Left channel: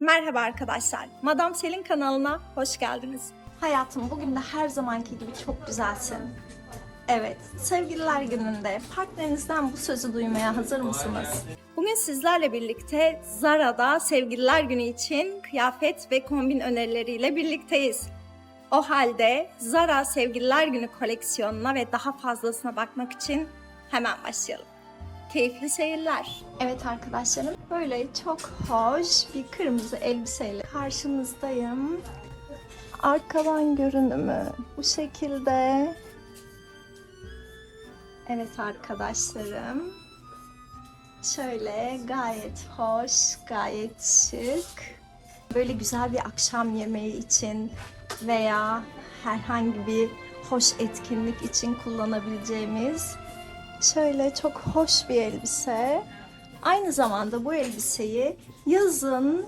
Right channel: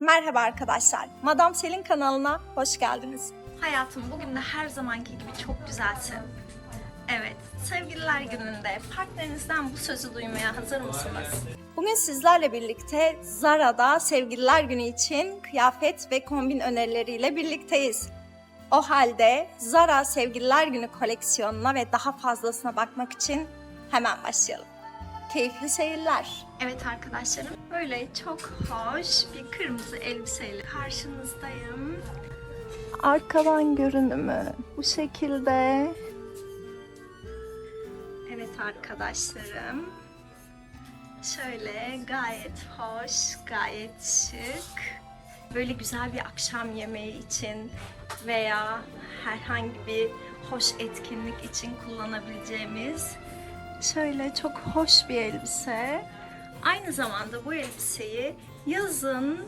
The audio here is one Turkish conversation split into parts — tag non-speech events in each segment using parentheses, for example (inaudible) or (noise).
Merhaba arkadaşlar. Madam Selin kanalına hoş geldiniz. Hayatım bugün de her zamanki gibi çok güzelsin. Evet, sevgililer gününde partnerinizden bu sözü duymaya hazır mısınız? Bugün sizlerle birlikte Zara'da sevgililer günü için kıyafet ve kombin önerileriyle birlikteyiz. O halde Zara sevgililer günü koleksiyonuna ve daha fazlasına bakmak için hemen başlayalım. Keyifli seyirler. Evet arkadaşlarım böyle çok hoş bir kırmızı elbiseyle karşınızdayım. Arkadan görünümü bu şekilde. Evet arkadaşlarım. Şöyle gayet hoş, gayet şık. Böyle güzel bir akşam yemeği için veya herhangi bir hoş etkinlik için kullanabileceğimiz Şöyle çok hoş bir elbise. Aynı zamanda bu elbiseyi yazın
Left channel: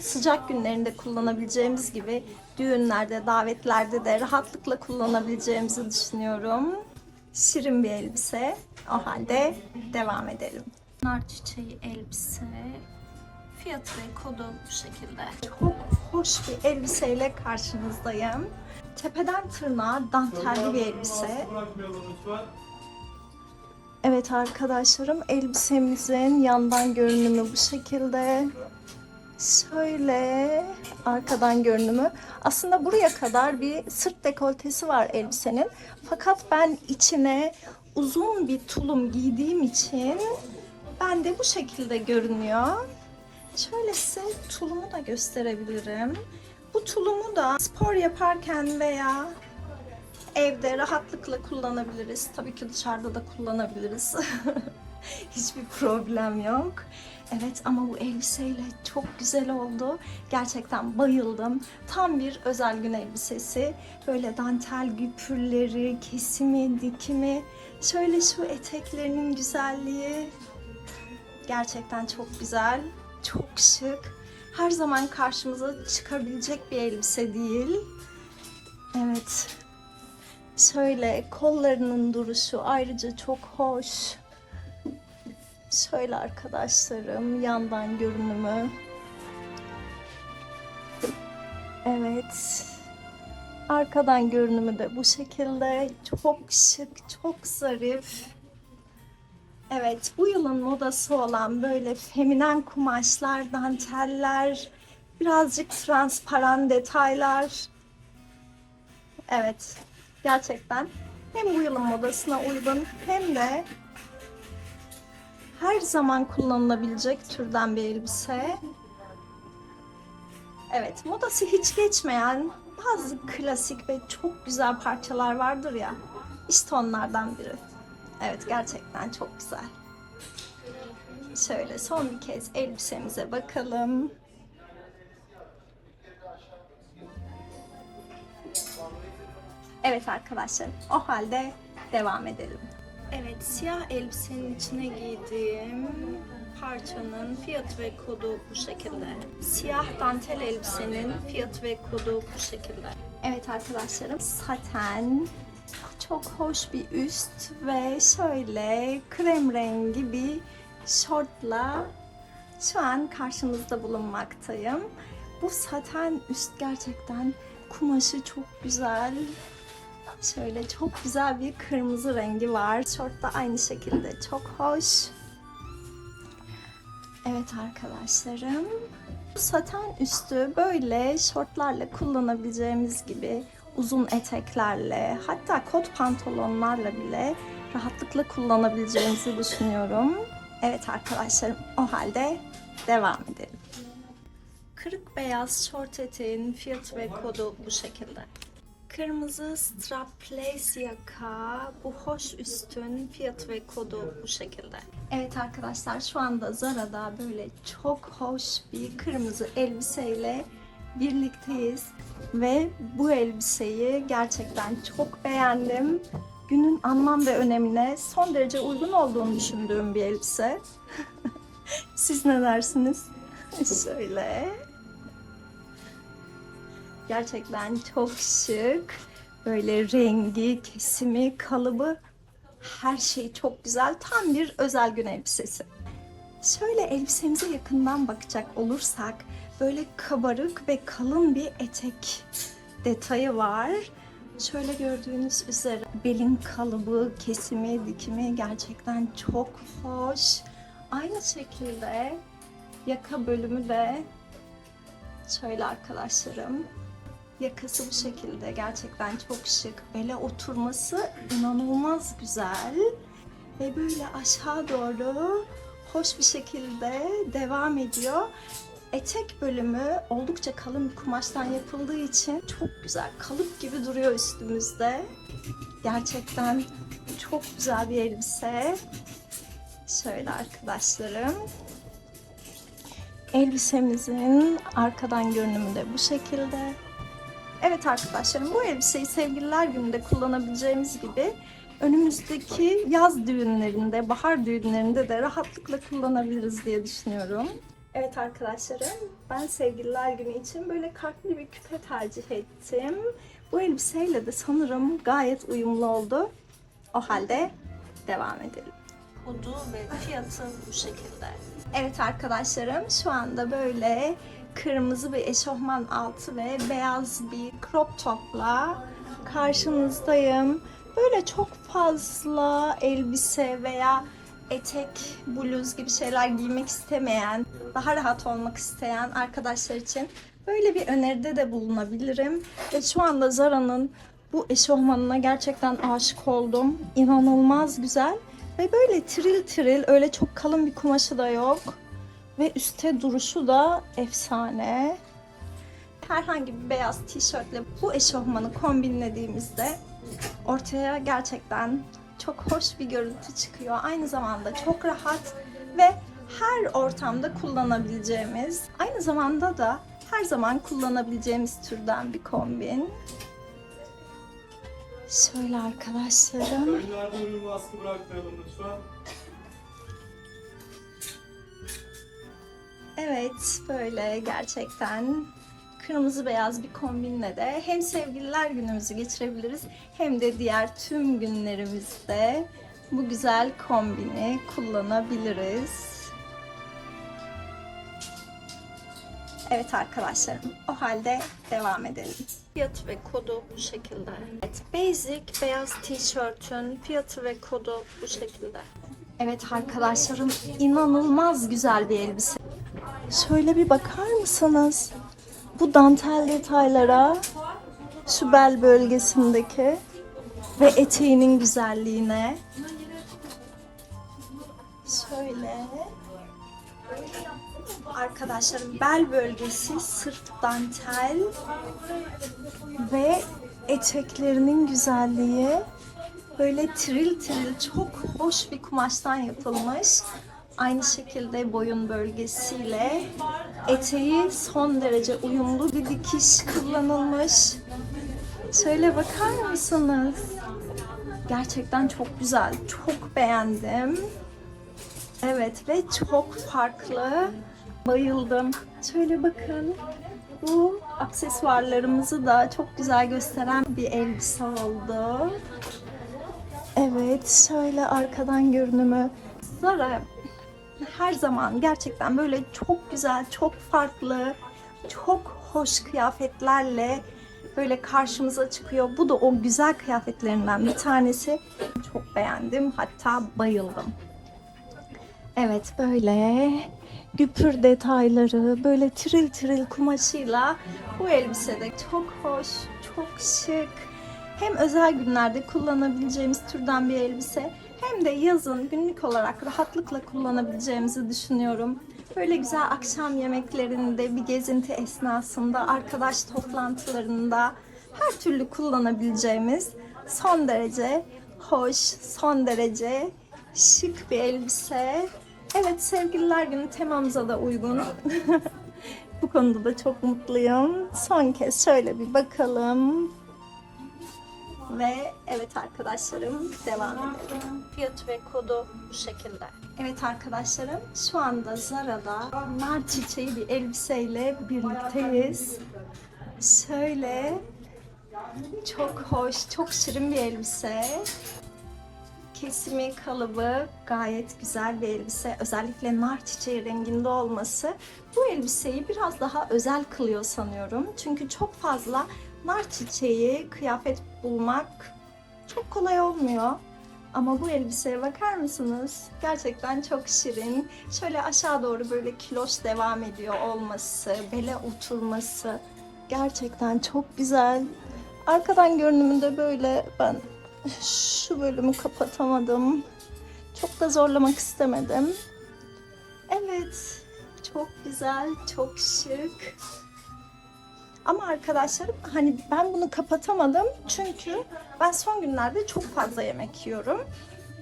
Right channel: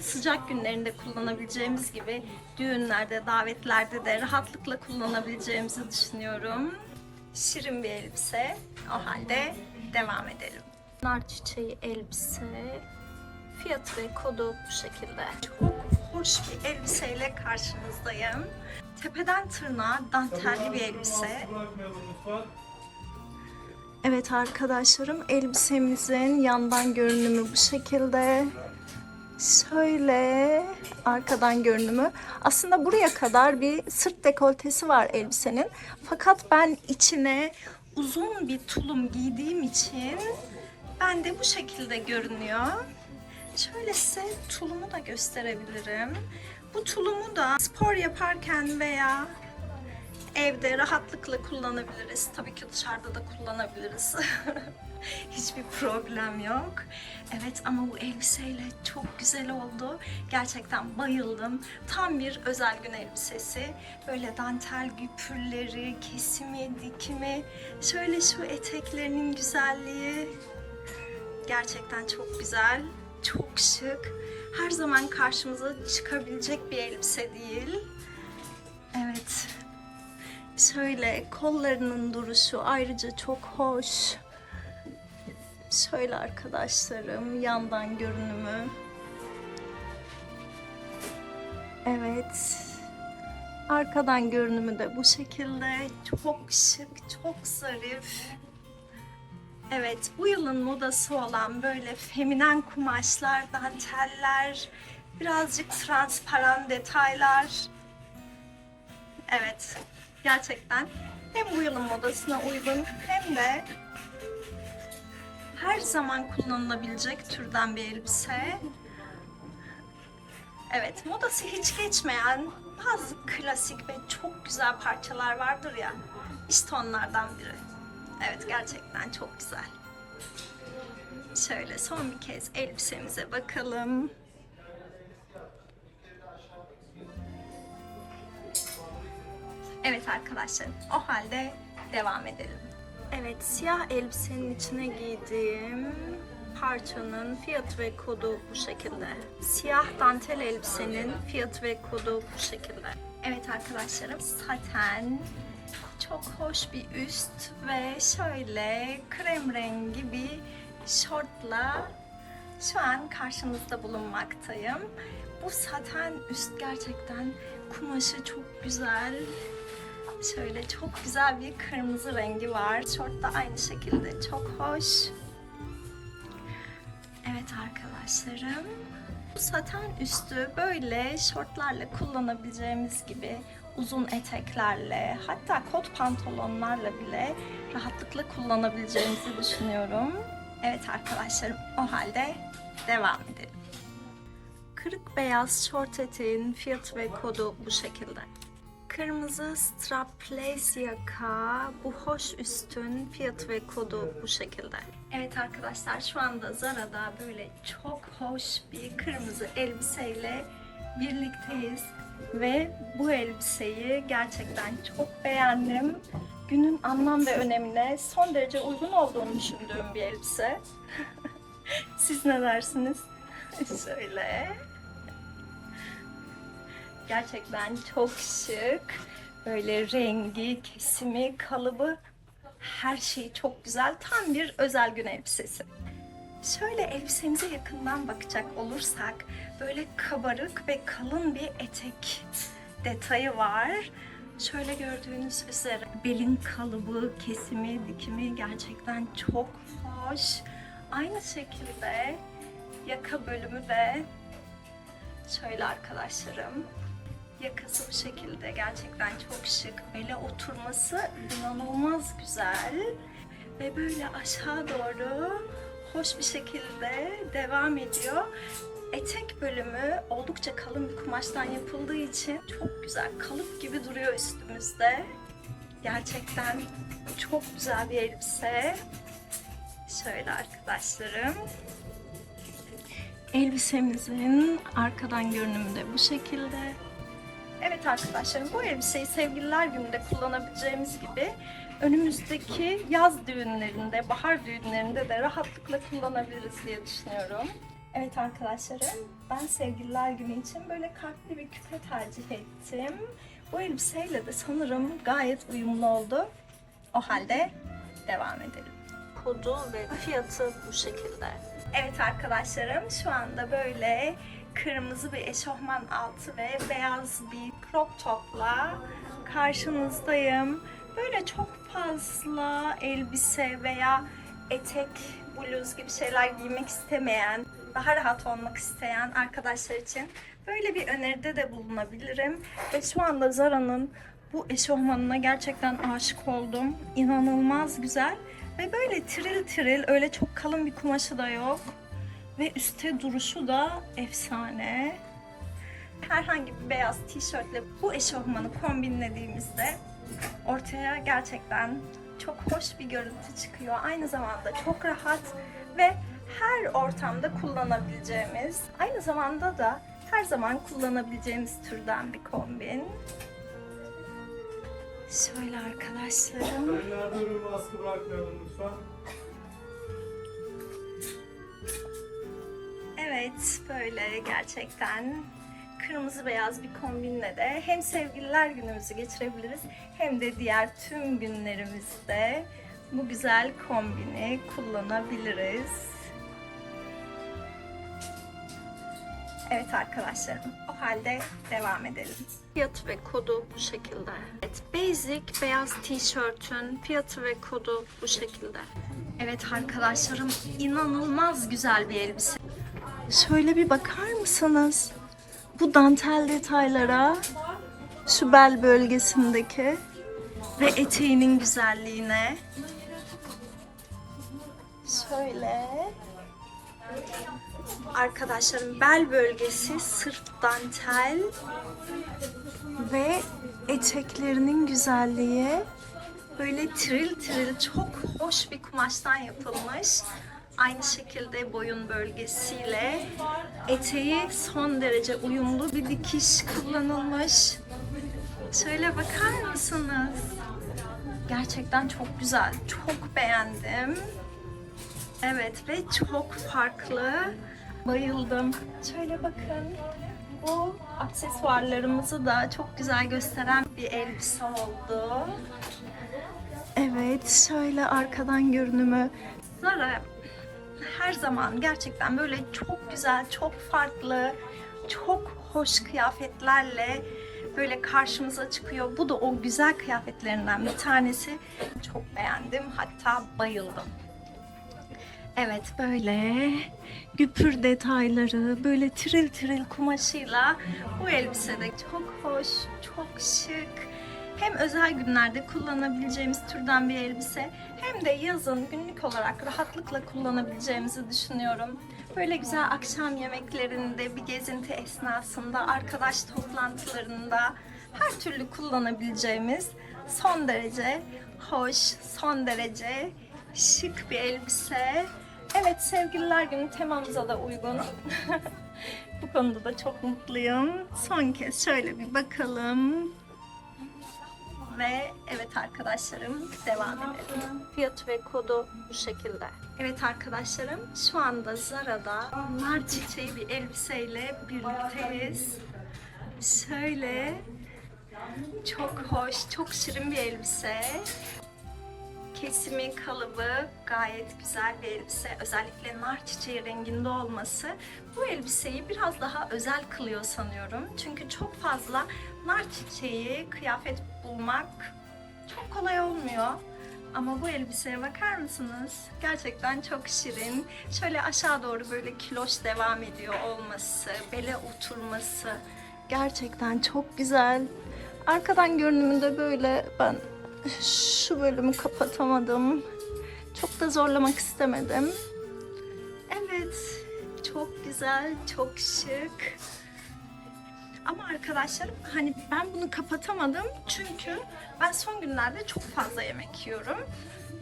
sıcak günlerinde kullanabileceğimiz gibi düğünlerde, davetlerde de rahatlıkla kullanabileceğimizi düşünüyorum. Şirin bir elbise. O halde devam edelim. Nar çiçeği elbise. Fiyatı ve kodu bu şekilde. Çok hoş bir elbiseyle karşınızdayım. Tepeden tırnağa dantelli bir elbise. Evet arkadaşlarım elbisemizin yandan görünümü bu şekilde. Şöyle arkadan görünümü. Aslında buraya kadar bir sırt dekoltesi var elbisenin. Fakat ben içine uzun bir tulum giydiğim için ben de bu şekilde görünüyor. Şöyle size tulumu da gösterebilirim. Bu tulumu da spor yaparken veya evde rahatlıkla kullanabiliriz. Tabii ki dışarıda da kullanabiliriz. (laughs) Hiçbir problem yok. Evet ama bu elbiseyle çok güzel oldu. Gerçekten bayıldım. Tam bir özel gün elbisesi. Böyle dantel güpürleri, kesimi, dikimi. Şöyle şu eteklerinin güzelliği. Gerçekten çok güzel. Çok şık. Her zaman karşımıza çıkabilecek bir elbise değil. Evet, Şöyle kollarının duruşu ayrıca çok hoş. Şöyle arkadaşlarım yandan görünümü. Evet. Arkadan görünümü de bu şekilde. Çok şık, çok zarif. Evet, bu yılın modası olan böyle feminen kumaşlar, danteller, birazcık transparan detaylar. Evet, gerçekten hem bu yılın modasına uygun hem de her zaman kullanılabilecek türden bir elbise. Evet, modası hiç geçmeyen bazı klasik ve çok güzel parçalar vardır ya. İşte onlardan biri. Evet, gerçekten çok güzel. Şöyle son bir kez elbisemize bakalım. Evet arkadaşlar, o halde devam edelim. Evet, siyah elbisenin içine giydiğim parçanın fiyatı ve kodu bu şekilde. Siyah dantel elbisenin fiyatı ve kodu bu şekilde. Evet arkadaşlarım, saten çok hoş bir üst ve şöyle krem rengi bir şortla şu an karşınızda bulunmaktayım. Bu saten üst gerçekten kumaşı çok güzel. Şöyle çok güzel bir kırmızı rengi var. Şort da aynı şekilde çok hoş. Evet arkadaşlarım. Bu saten üstü böyle şortlarla kullanabileceğimiz gibi uzun eteklerle hatta kot pantolonlarla bile rahatlıkla kullanabileceğimizi düşünüyorum. Evet arkadaşlarım o halde devam edelim. Kırık beyaz şort eteğin fiyatı ve kodu bu şekilde. Kırmızı strapless yaka, bu hoş üstün fiyatı ve kodu bu şekilde. Evet arkadaşlar şu anda Zara'da böyle çok hoş bir kırmızı elbiseyle birlikteyiz. Ve bu elbiseyi gerçekten çok beğendim. Günün anlam ve önemine son derece uygun olduğunu düşündüğüm bir elbise. (laughs) Siz ne dersiniz? Şöyle. Gerçekten çok şık. Böyle rengi, kesimi, kalıbı her şey çok güzel. Tam bir özel gün elbisesi. Şöyle elbisemize yakından bakacak olursak böyle kabarık ve kalın bir etek detayı var. Şöyle gördüğünüz üzere belin kalıbı, kesimi, dikimi gerçekten çok hoş. Aynı şekilde yaka bölümü de şöyle arkadaşlarım. Yakası bu şekilde gerçekten çok şık. Bele oturması inanılmaz güzel. Ve böyle aşağı doğru hoş bir şekilde devam ediyor. Etek bölümü oldukça kalın bir kumaştan yapıldığı için çok güzel. Kalıp gibi duruyor üstümüzde. Gerçekten çok güzel bir elbise. Şöyle arkadaşlarım. Elbisemizin arkadan görünümü de bu şekilde. Evet arkadaşlarım bu elbiseyi sevgililer gününde kullanabileceğimiz gibi önümüzdeki yaz düğünlerinde, bahar düğünlerinde de rahatlıkla kullanabiliriz diye düşünüyorum. Evet arkadaşlarım, ben sevgililer günü için böyle kalpli bir küpe tercih ettim. Bu elbiseyle de sanırım gayet uyumlu oldu. O halde devam edelim. Kodu ve fiyatı bu şekilde. Evet arkadaşlarım, şu anda böyle kırmızı bir eşofman altı ve beyaz bir crop topla karşınızdayım. Böyle çok fazla elbise veya etek, bluz gibi şeyler giymek istemeyen, daha rahat olmak isteyen arkadaşlar için böyle bir öneride de bulunabilirim. Ve şu anda Zara'nın bu eşofmanına gerçekten aşık oldum. İnanılmaz güzel ve böyle tril tril öyle çok kalın bir kumaşı da yok. Ve üstte duruşu da efsane. Herhangi bir beyaz tişörtle bu eşofmanı kombinlediğimizde ortaya gerçekten çok hoş bir görüntü çıkıyor. Aynı zamanda çok rahat ve her ortamda kullanabileceğimiz, aynı zamanda da her zaman kullanabileceğimiz türden bir kombin. Şöyle arkadaşlarım. Önlerde ürün askı bırakmayalım lütfen. Evet, böyle gerçekten kırmızı beyaz bir kombinle de hem sevgililer günümüzü geçirebiliriz hem de diğer tüm günlerimizde bu güzel kombini kullanabiliriz. Evet arkadaşlarım, o halde devam edelim. Fiyatı ve kodu bu şekilde. Evet, basic beyaz tişörtün fiyatı ve kodu bu şekilde. Evet arkadaşlarım, inanılmaz güzel bir elbise. Şöyle bir bakar mısınız? Bu dantel detaylara, şu bel bölgesindeki ve eteğinin güzelliğine. Şöyle. Arkadaşlar bel bölgesi sırf dantel ve eteklerinin güzelliği böyle tril tril çok hoş bir kumaştan yapılmış. Aynı şekilde boyun bölgesiyle eteği son derece uyumlu bir dikiş kullanılmış. Şöyle bakar mısınız? Gerçekten çok güzel. Çok beğendim. Evet ve çok farklı. Bayıldım. Şöyle bakın. Bu aksesuarlarımızı da çok güzel gösteren bir elbise oldu. Evet, şöyle arkadan görünümü. Zara her zaman gerçekten böyle çok güzel, çok farklı, çok hoş kıyafetlerle böyle karşımıza çıkıyor. Bu da o güzel kıyafetlerinden bir tanesi. Çok beğendim, hatta bayıldım. Evet böyle güpür detayları, böyle tril tril kumaşıyla bu elbise de çok hoş, çok şık. Hem özel günlerde kullanabileceğimiz türden bir elbise hem de yazın günlük olarak rahatlıkla kullanabileceğimizi düşünüyorum. Böyle güzel akşam yemeklerinde, bir gezinti esnasında, arkadaş toplantılarında her türlü kullanabileceğimiz son derece hoş, son derece şık bir elbise. Evet sevgililer günü temamıza da uygun. (laughs) Bu konuda da çok mutluyum. Son kez şöyle bir bakalım. Ve evet arkadaşlarım devam edelim. Fiyat ve kodu bu şekilde. Evet arkadaşlarım şu anda Zara'da nar çiçeği bir elbiseyle birlikteyiz. Şöyle çok hoş, çok şirin bir elbise. Kesimi, kalıbı gayet güzel bir elbise. Özellikle nar çiçeği renginde olması bu elbiseyi biraz daha özel kılıyor sanıyorum. Çünkü çok fazla nar çiçeği kıyafet bulmak çok kolay olmuyor. Ama bu elbiseye bakar mısınız? Gerçekten çok şirin. Şöyle aşağı doğru böyle kiloş devam ediyor olması, bele oturması gerçekten çok güzel. Arkadan görünümünde böyle ben şu bölümü kapatamadım. Çok da zorlamak istemedim. Evet, çok güzel, çok şık. Ama arkadaşlarım hani ben bunu kapatamadım çünkü ben son günlerde çok fazla yemek yiyorum.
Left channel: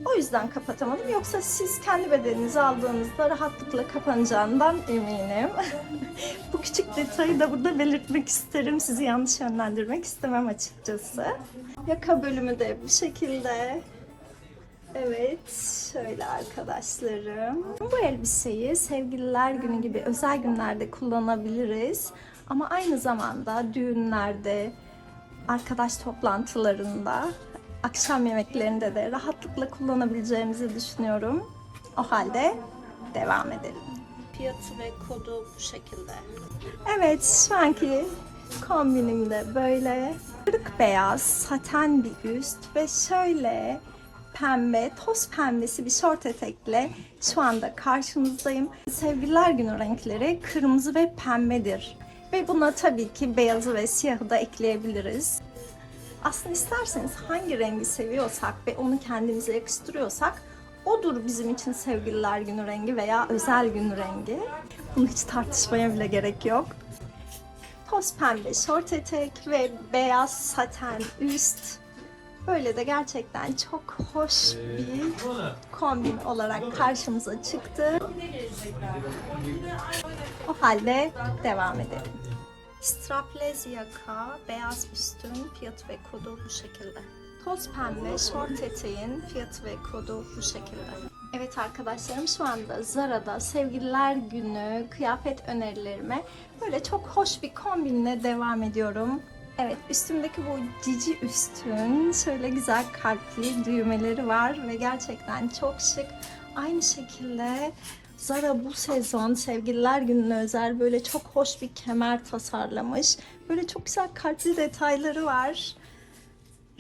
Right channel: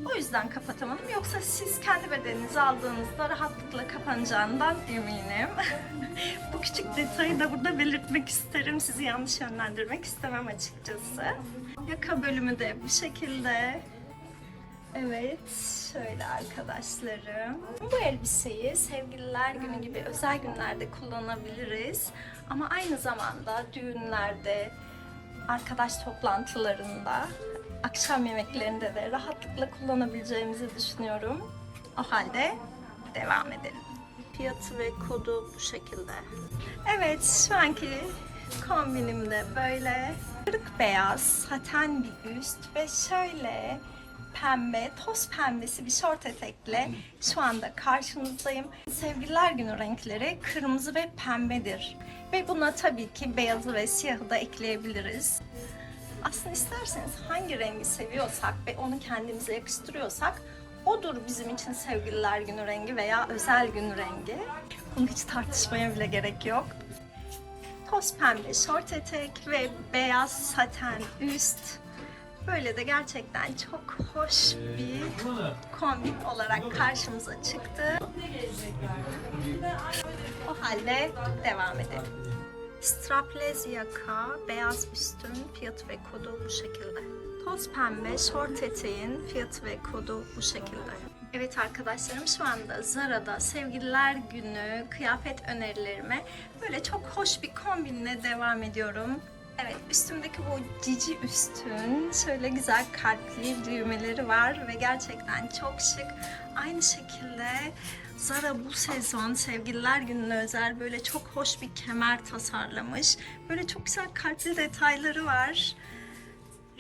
O yüzden kapatamadım. Yoksa siz kendi bedeninizi aldığınızda rahatlıkla kapanacağından eminim. (laughs) Bu küçük detayı da burada belirtmek isterim. Sizi yanlış yönlendirmek istemem açıkçası. Yaka bölümü de bu şekilde. Evet, şöyle arkadaşlarım. Bu elbiseyi sevgililer günü gibi özel günlerde kullanabiliriz. Ama aynı zamanda düğünlerde, arkadaş toplantılarında, akşam yemeklerinde de rahatlıkla kullanabileceğimizi düşünüyorum. O halde devam edelim. Fiyatı ve kodu bu şekilde. Evet, şu anki kombinim de böyle. Kırık beyaz, saten bir üst ve şöyle pembe, toz pembesi bir şort etekle şu anda karşınızdayım. Sevgililer günü renkleri kırmızı ve pembedir. Ve buna tabii ki beyazı ve siyahı da ekleyebiliriz. Aslında isterseniz hangi rengi seviyorsak ve onu kendimize yakıştırıyorsak odur bizim için sevgililer günü rengi veya özel gün rengi. Bunu hiç tartışmaya bile gerek yok. Toz pembe şort etek ve beyaz saten üst. Böyle de gerçekten çok hoş bir kombin olarak karşımıza çıktı. Halde devam edelim. Strapless yaka, beyaz üstün fiyatı ve kodu bu şekilde. Toz pembe şort eteğin fiyatı ve kodu bu şekilde. Evet arkadaşlarım şu anda Zara'da sevgililer günü kıyafet önerilerime böyle çok hoş bir kombinle devam ediyorum. Evet üstümdeki bu cici üstün şöyle güzel kalpli düğmeleri var ve gerçekten çok şık. Aynı şekilde Zara bu sezon sevgililer gününe özel böyle çok hoş bir kemer tasarlamış. Böyle çok güzel kalpli detayları var.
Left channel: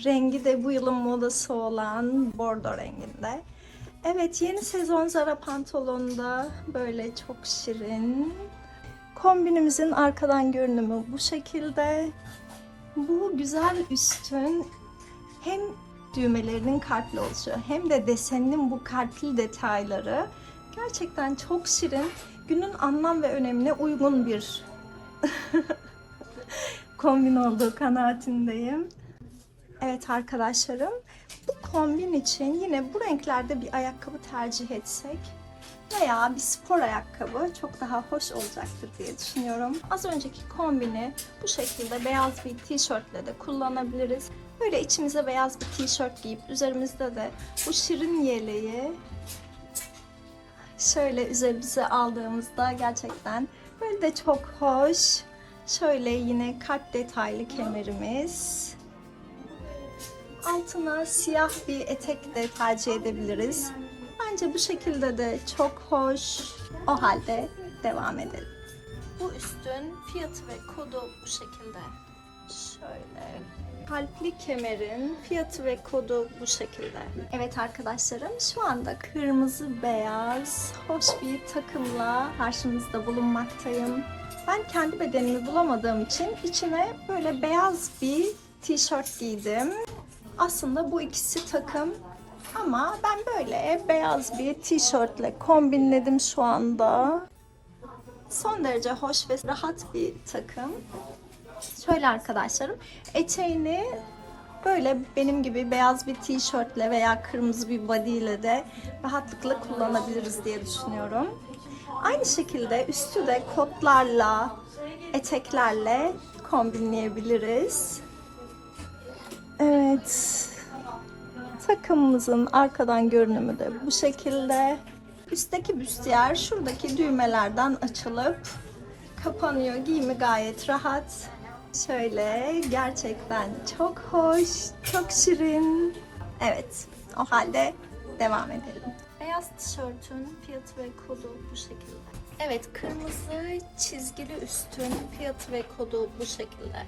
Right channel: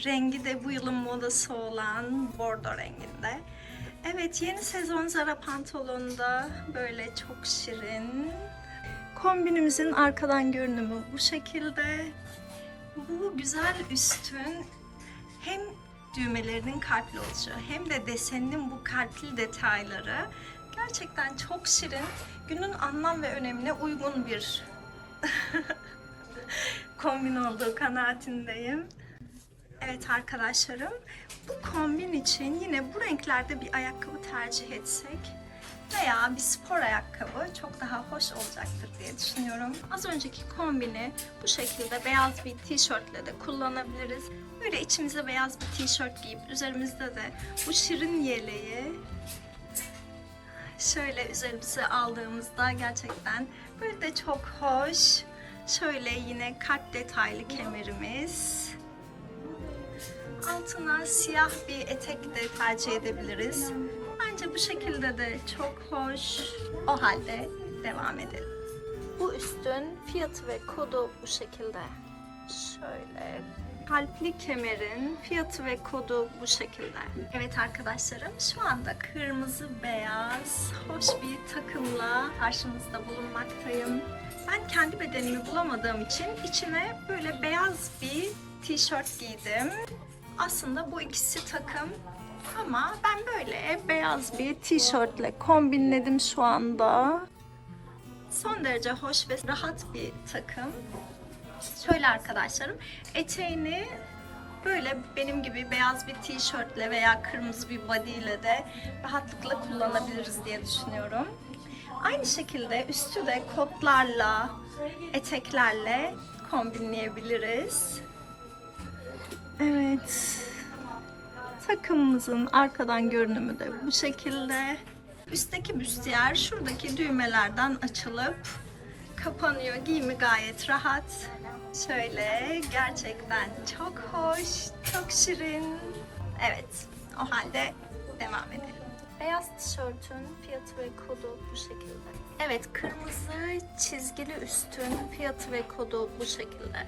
Rengi de bu yılın modası olan bordo renginde. Evet yeni sezon Zara pantolonda böyle çok şirin. Kombinimizin arkadan görünümü bu şekilde. Bu güzel üstün hem düğmelerinin kalpli oluşu hem de deseninin bu kalpli detayları gerçekten çok şirin. Günün anlam ve önemine uygun bir (laughs) kombin olduğu kanaatindeyim. Evet arkadaşlarım, bu kombin için yine bu renklerde bir ayakkabı tercih etsek veya bir spor ayakkabı çok daha hoş olacaktır diye düşünüyorum. Az önceki kombini bu şekilde beyaz bir tişörtle de kullanabiliriz. Böyle içimize beyaz bir tişört giyip üzerimizde de bu şirin yeleği şöyle üzerimize aldığımızda gerçekten böyle de çok hoş. Şöyle yine kalp detaylı kemerimiz. Altına siyah bir etek de tercih edebiliriz. Bence bu şekilde de çok hoş. O halde devam edelim. Bu üstün fiyatı ve kodu bu şekilde. Şöyle kalpli kemerin fiyatı ve kodu bu şekilde. Evet arkadaşlarım şu anda kırmızı beyaz hoş bir takımla karşınızda bulunmaktayım. Ben kendi bedenimi bulamadığım için içine böyle beyaz bir tişört giydim. Aslında bu ikisi takım ama ben böyle beyaz bir tişörtle kombinledim şu anda. Son derece hoş ve rahat bir takım. Şöyle arkadaşlarım, eteğini böyle benim gibi beyaz bir tişörtle veya kırmızı bir body ile de rahatlıkla kullanabiliriz diye düşünüyorum. Aynı şekilde üstü de kotlarla, eteklerle kombinleyebiliriz. Evet. Takımımızın arkadan görünümü de bu şekilde. Üstteki büstiyer şuradaki düğmelerden açılıp kapanıyor. Giyimi gayet rahat. Şöyle gerçekten çok hoş, çok şirin. Evet, o halde devam edelim. Beyaz tişörtün fiyatı ve kodu bu şekilde. Evet, kırmızı çizgili üstün fiyatı ve kodu bu şekilde.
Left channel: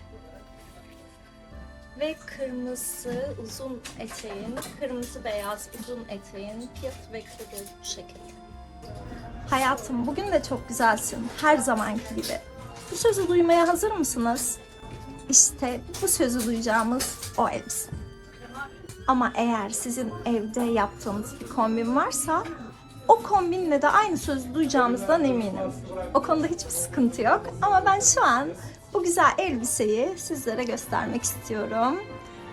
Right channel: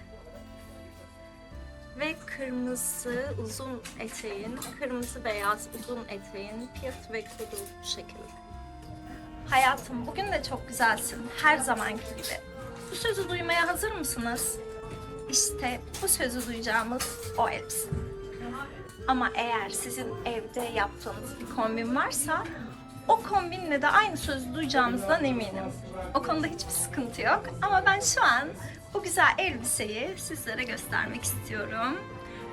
Ve kırmızı uzun eteğin, kırmızı beyaz uzun eteğin fiyatı ve kodu bu şekilde. Hayatım bugün de çok güzelsin. Her zamanki gibi. Bu sözü duymaya hazır mısınız? İşte bu sözü duyacağımız o elbise. Ama eğer sizin evde yaptığınız bir kombin varsa o kombinle de aynı sözü duyacağınızdan eminim. O konuda hiçbir sıkıntı yok. Ama ben şu an bu güzel elbiseyi sizlere göstermek istiyorum.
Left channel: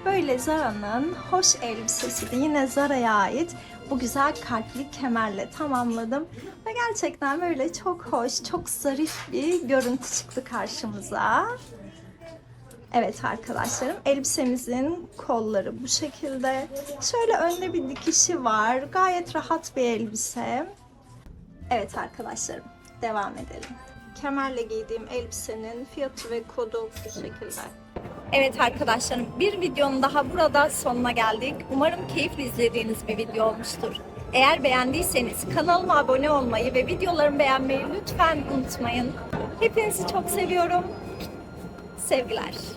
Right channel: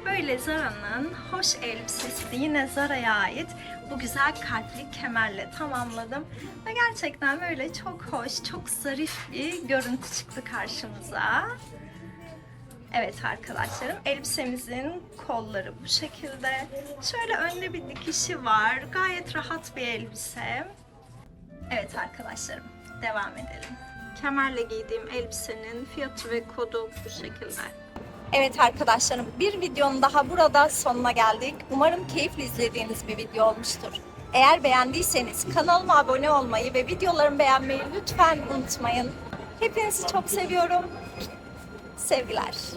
Böyle Zara'nın hoş elbisesi de yine Zara'ya ait bu güzel kalpli kemerle tamamladım. Ve gerçekten böyle çok hoş, çok zarif bir görüntü çıktı karşımıza. Evet arkadaşlarım elbisemizin kolları bu şekilde. Şöyle önde bir dikişi var. Gayet rahat bir elbise. Evet arkadaşlarım devam edelim. Kemerle giydiğim elbisenin fiyatı ve kodu bu şekilde. Evet arkadaşlarım bir videonun daha burada sonuna geldik. Umarım keyifli izlediğiniz bir video olmuştur. Eğer beğendiyseniz kanalıma abone olmayı ve videolarımı beğenmeyi lütfen unutmayın. Hepinizi çok seviyorum. Sevgiler.